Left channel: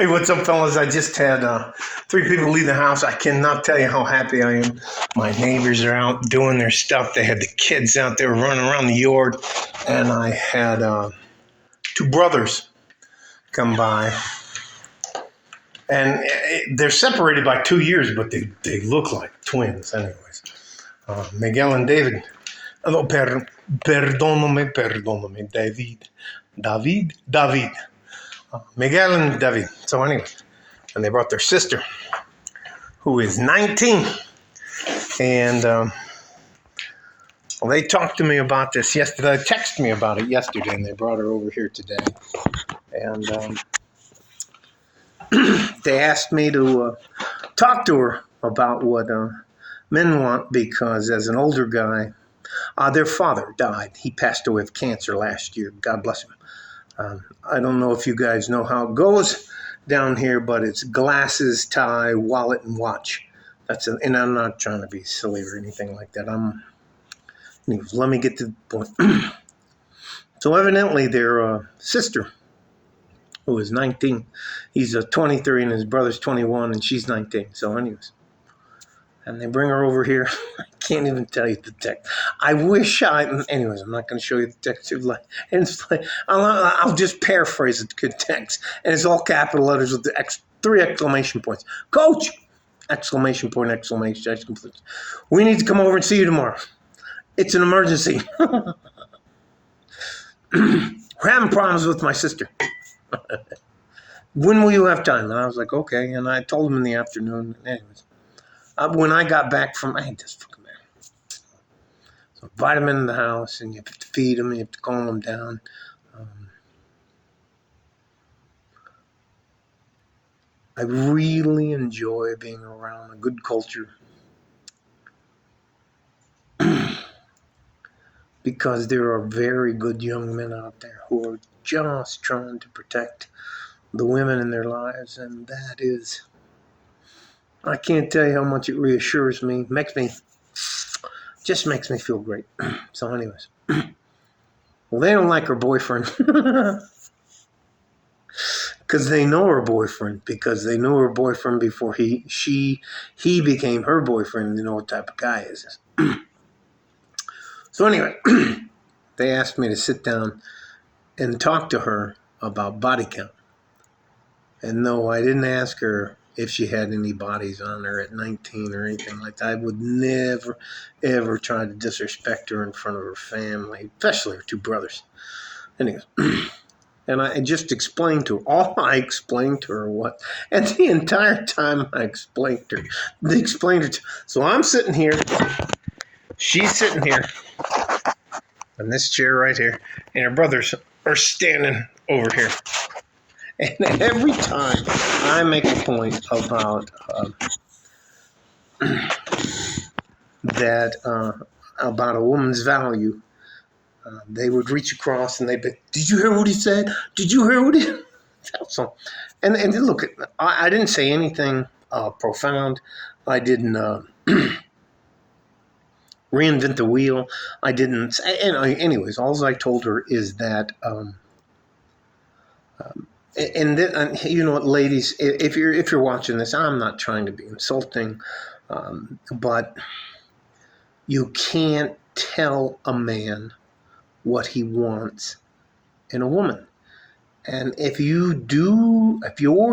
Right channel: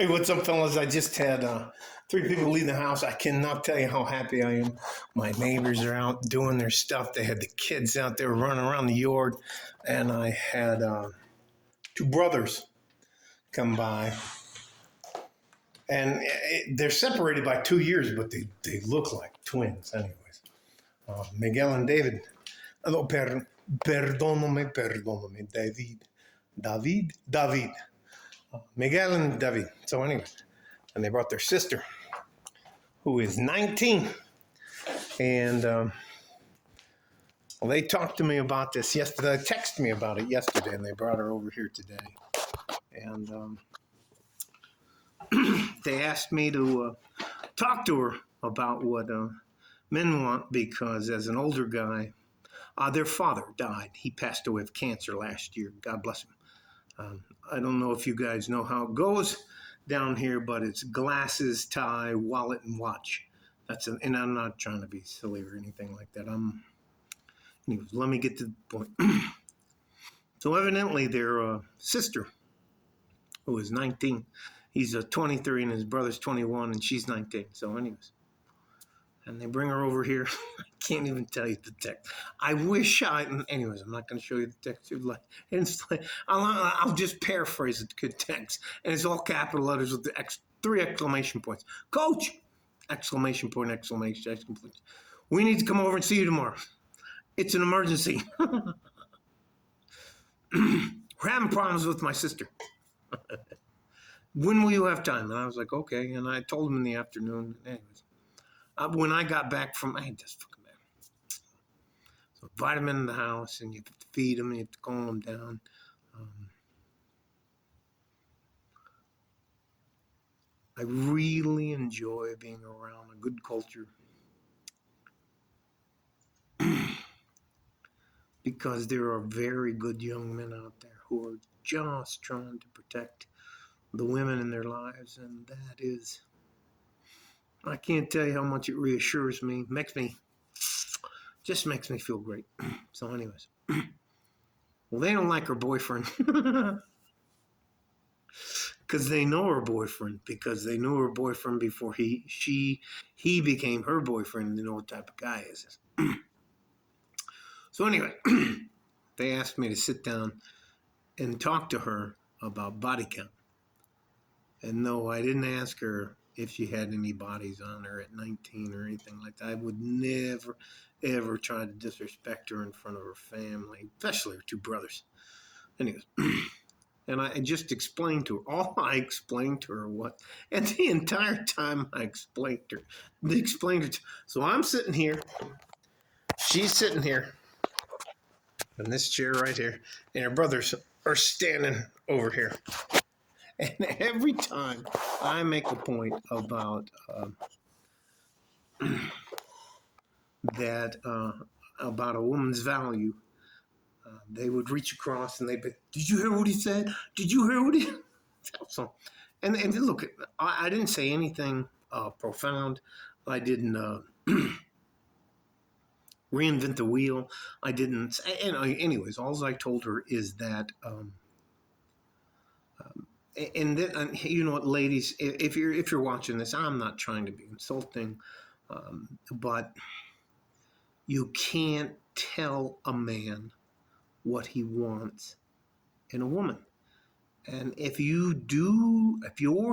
Hey, what's up, fellas? I just had 3 people leave the house. I cannot tell you how happy I am. My neighbors are out doing their stuff. They had the kids out there running around the yard, and I had 2 brothers come by. And they're separated by 2 years, but they look like twins, anyways. Miguel and David. Hello, perdóname, David. David. Miguel and David. So, anyway. And they brought their sister, who is 19. And well, they talked to me about this yesterday. They texted me about it yesterday, and they brought her over here today. And they asked me to talk to her about what men want, because as an older guy, their father died. He passed away of cancer last year. God bless him. I don't know if you guys know how it goes down here, but it's glasses, tie, wallet, and watch. And I'm not trying to be silly or anything like that. Anyways, let me get to the point. So evidently their sister, who is 19, he's 23 and his brother's 21 and she's 19. So anyways, and they bring her over here. I can't even tell you the text. Anyways, I'm not going to show you the text. I'll just paraphrase the good text. And it's all capital letters with the 3 exclamation points. Coach! Exclamation point, exclamation. We need to come over and see you tomorrow. It's an emergency. We're having problems with my sister. When will you have time? And I was like, okay. And I told him in the afternoon. Anyways. When I got back from, I hate this fucking man. So invite him in the house, and you have to feed him, you have to calm him down. I really enjoy being around a good culture because there are very good young men out there who are just trying to protect the women in their lives, and that is, I can't tell you how much it reassures me, just makes me feel great. So anyways, well, they don't like her boyfriend because they know her boyfriend, because they knew her boyfriend before he became her boyfriend. They know what type of guy he is. So anyway, they asked me to sit down and talk to her about body count. And no, I didn't ask her if she had any bodies on her at 19 or anything like that. I would never, ever try to disrespect her in front of her family, especially her 2 brothers. Anyways, and I just explained to her, all I explained to her what, and the entire time I explained to her, so I'm sitting here, she's sitting here, in this chair right here, and her brothers are standing over here. And every time I make a point about about a woman's value, they would reach across and they'd be, did you hear what he said? Did you hear what he said? So, and look, I didn't say anything profound. I didn't reinvent the wheel. I didn't. Anyways, all I told her is that, and you know what, ladies, if you're watching this, I'm not trying to be insulting, but you can't tell a man what he wants in a woman. And if you're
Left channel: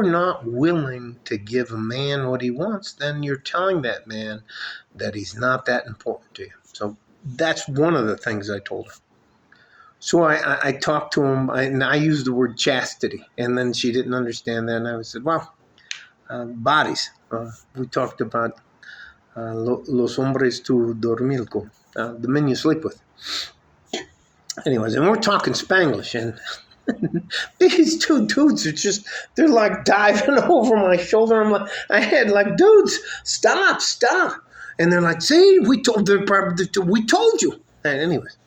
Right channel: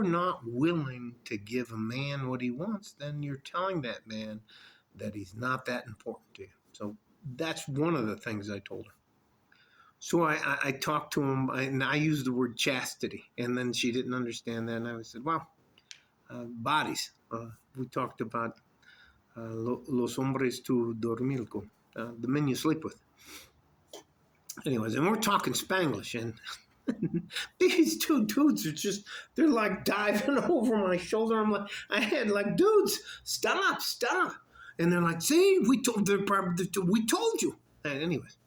not willing to give a man what he wants, then you're telling that man that he's not that important to you. So that's one of the things I told her. So I talked to him, and I used the word chastity, and then she didn't understand that, and I said, well, bodies. We talked about los hombres tu dormir con, the men you sleep with. Anyways, and we're talking Spanglish, and these 2 dudes are they're like diving over my shoulder. I had like, dudes, stop. And they're like, see, we told you. And anyways,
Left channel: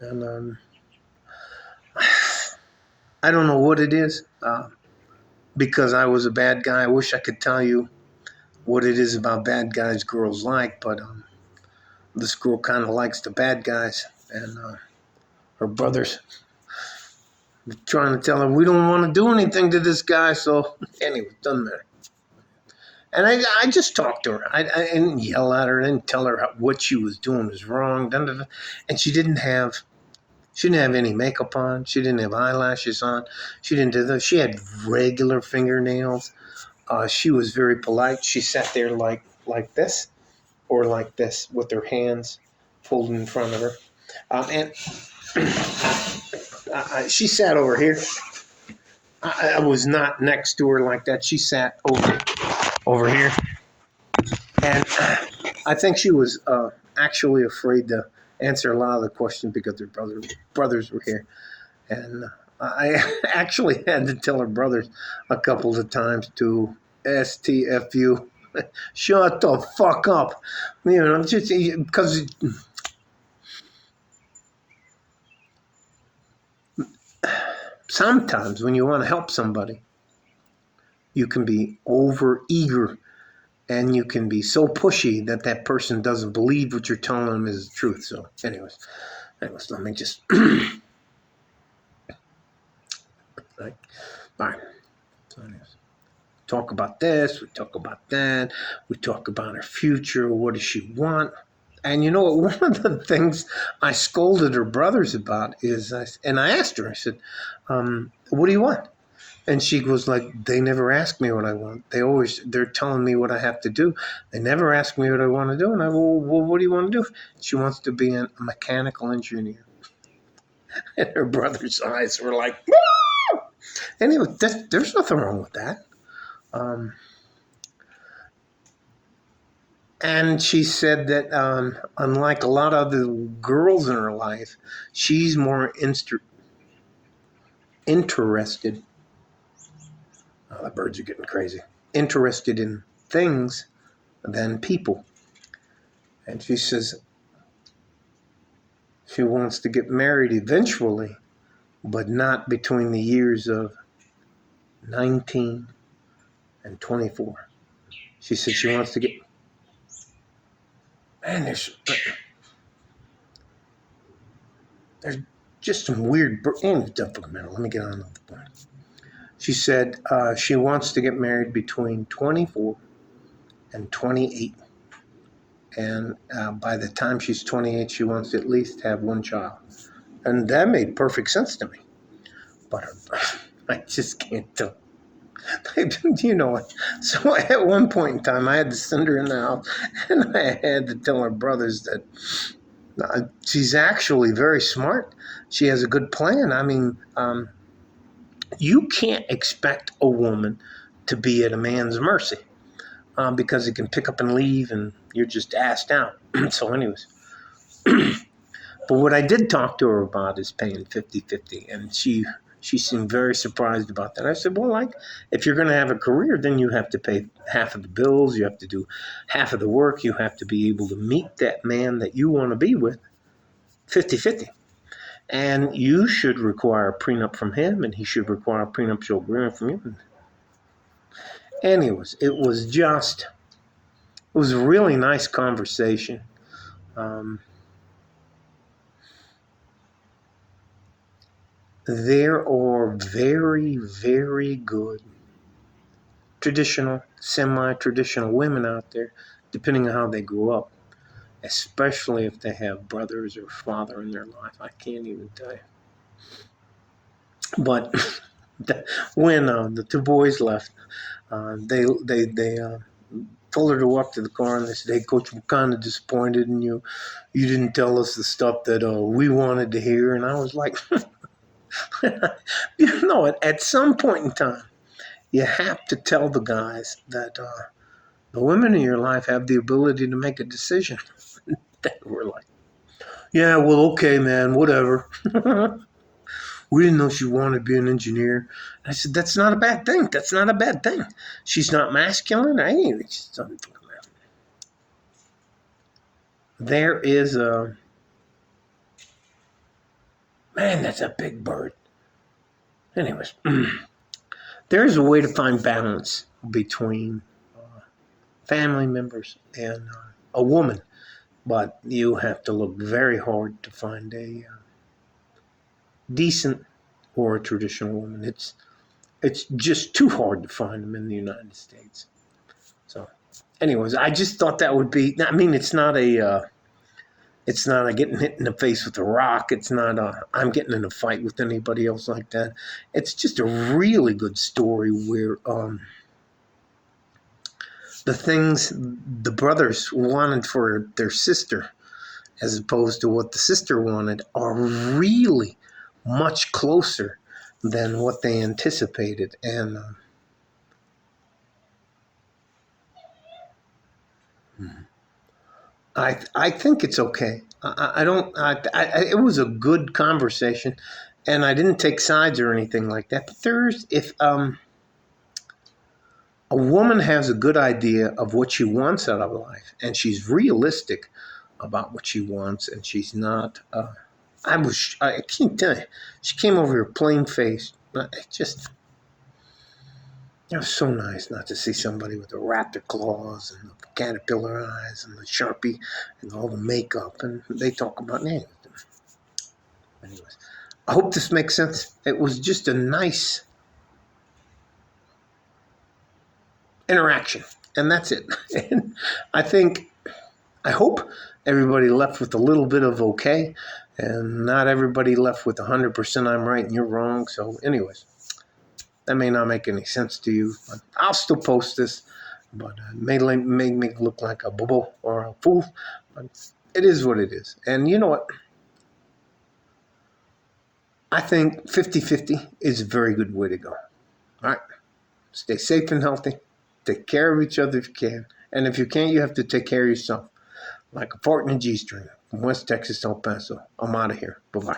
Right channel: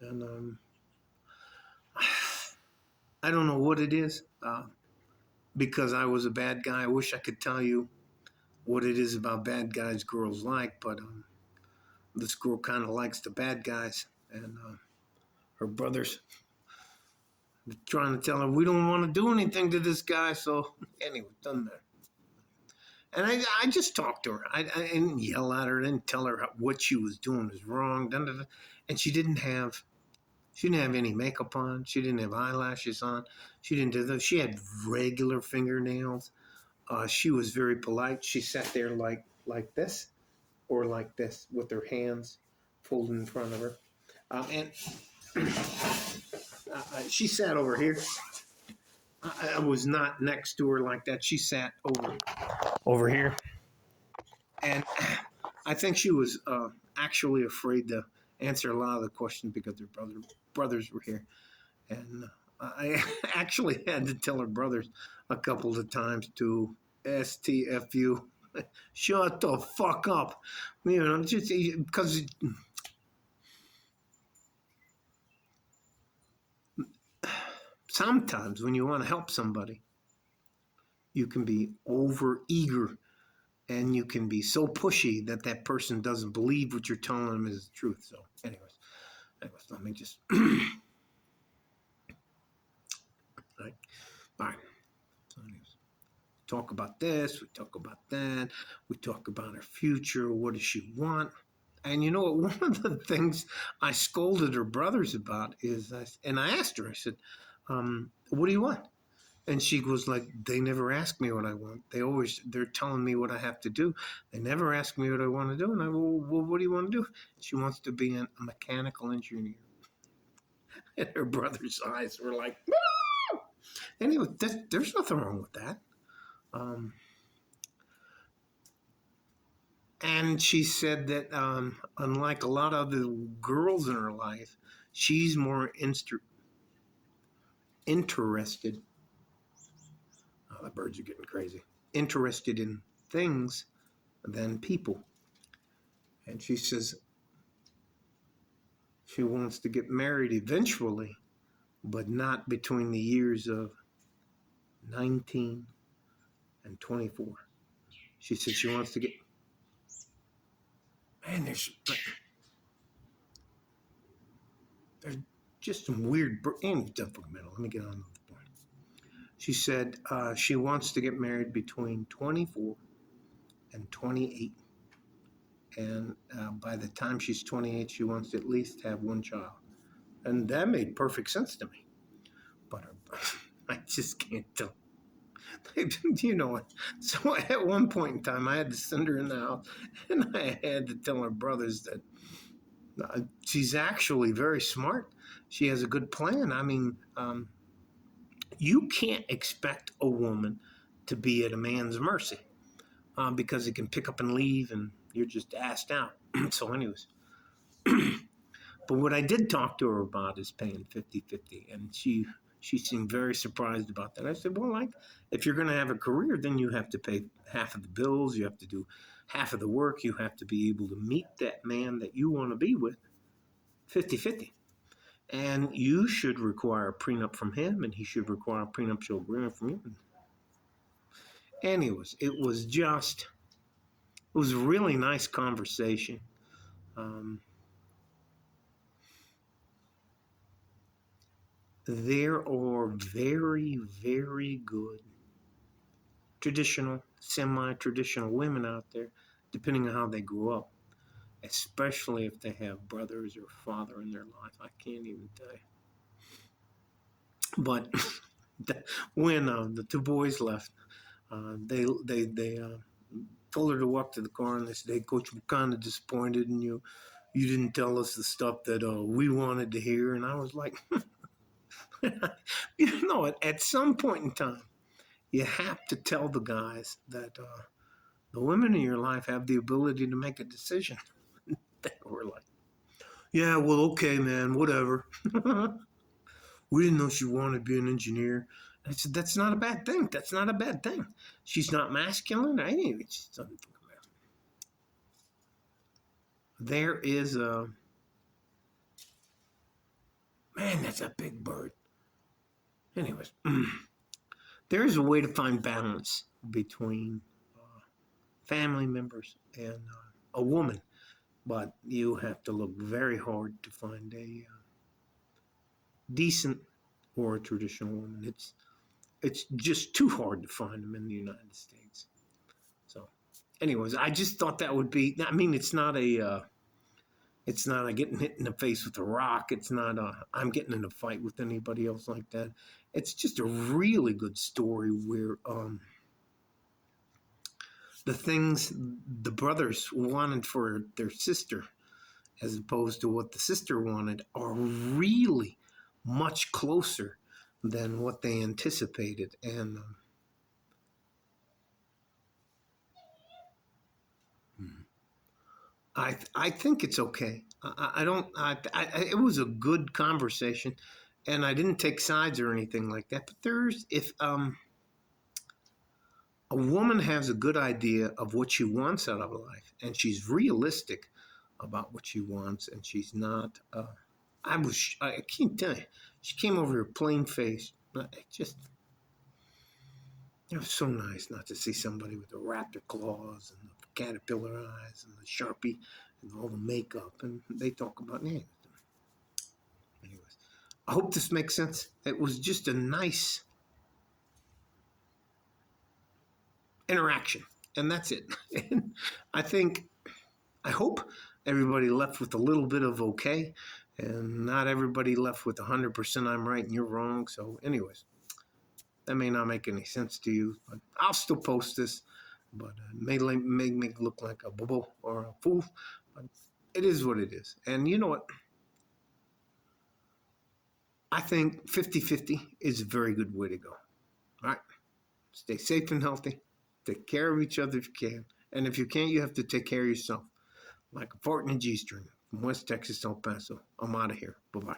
and I don't know what it is, because I was a bad guy. I wish I could tell you what it is about bad guys girls like, but this girl kind of likes the bad guys, and her brothers, trying to tell her we don't want to do anything to this guy. So anyway, doesn't matter. And I just talked to her. I didn't yell at her. I didn't tell her what she was doing was wrong. And she didn't have any makeup on. She didn't have eyelashes on. She didn't do that. She had regular fingernails. She was very polite. She sat there like this or like this with her hands folded in front of her. And she sat over here. I was not next to her like that. She sat over here. And I think she was actually afraid to answer a lot of the questions because their brothers were here. And I actually had to tell her brothers a couple of times to STFU, shut the fuck up. You know, just because sometimes when you want to help somebody, you can be over eager and you can be so pushy that that person doesn't believe what you're telling them is the truth. So anyways, let me just right. All right. So anyways, talk about this, we talk about that, we talk about her future, what does she want? And you know what, one of the things I scolded her brothers about is, I asked her, I said, what do you want? And she was like, they never ask me what I want. They're telling me what I have to do. They never ask me what I want to do. And I go, well, what do you want to do? She wants to be a mechanical engineer. And her brother's eyes were like, woo! Anyway, there's nothing wrong with that. And she said that unlike a lot of the girls in her life, she's more interested. Oh, the birds are getting crazy. Interested in things than people. And she says she wants to get married eventually, but not between the years of 19 and 24. She said she wants to get... Man, there's just some weird... Let me get on to the point. She said she wants to get married between 24 and 28. And by the time she's 28, she wants to at least have one child. And that made perfect sense to me. But I just can't tell. You know what? So at one point in time, I had to send her in the house, and I had to tell her brothers that she's actually very smart. She has a good plan. I mean, you can't expect a woman to be at a man's mercy because he can pick up and leave, and you're just asked out. So anyways. But what I did talk to her about is paying 50-50, and she seemed very surprised about that. I said, well, like, if you're going to have a career, then you have to pay half of the bills, you have to do half of the work, you have to be able to meet that man that you want to be with 50-50. And you should require a prenup from him, and he should require a prenuptial agreement from you. Anyways, it was a really nice conversation. There are very, very good traditional, semi-traditional women out there, depending on how they grew up, especially if they have brothers or father in their life. I can't even tell you. But when the two boys left, they told her to walk to the car, and they said, hey, Coach, we're kind of disappointed in you. You didn't tell us the stuff that we wanted to hear. And I was like... You know, at some point in time, you have to tell the guys that the women in your life have the ability to make a decision. They were like, yeah, well, okay, man, whatever. We didn't know she wanted to be an engineer. I said, that's not a bad thing. That's not a bad thing. She's not masculine. There is a... Man, that's a big bird. Anyways, there's a way to find balance between family members and a woman, but you have to look very hard to find a decent or a traditional woman. It's just too hard to find them in the United States. So, anyways, I just thought that would be. I mean, it's not a getting hit in the face with a rock. It's not a I'm getting in a fight with anybody else like that. It's just a really good story where the things the brothers wanted for their sister, as opposed to what the sister wanted, are really much closer than what they anticipated. And I think it's okay. I don't. It was a good conversation, and I didn't take sides or anything like that. But there's if a woman has a good idea of what she wants out of life, and she's realistic about what she wants, and she's not. I can't tell you. She came over here plain faced. It was so nice not to see somebody with the raptor claws and the caterpillar eyes and the Sharpie and all the makeup. And they talk about names. Anyways, I hope this makes sense. It was just a nice interaction. And that's it. And I hope everybody left with a little bit of okay. And not everybody left with 100% I'm right and you're wrong. So anyways. That may not make any sense to you, but I'll still post this. But it may make me look like a bubble or a fool. But it is what it is. And you know what? I think 50-50 is a very good way to go. All right? Stay safe and healthy. Take care of each other if you can. And if you can't, you have to take care of yourself. Like a fart in a G-string from West Texas to El Paso. I'm out of here. Bye-bye.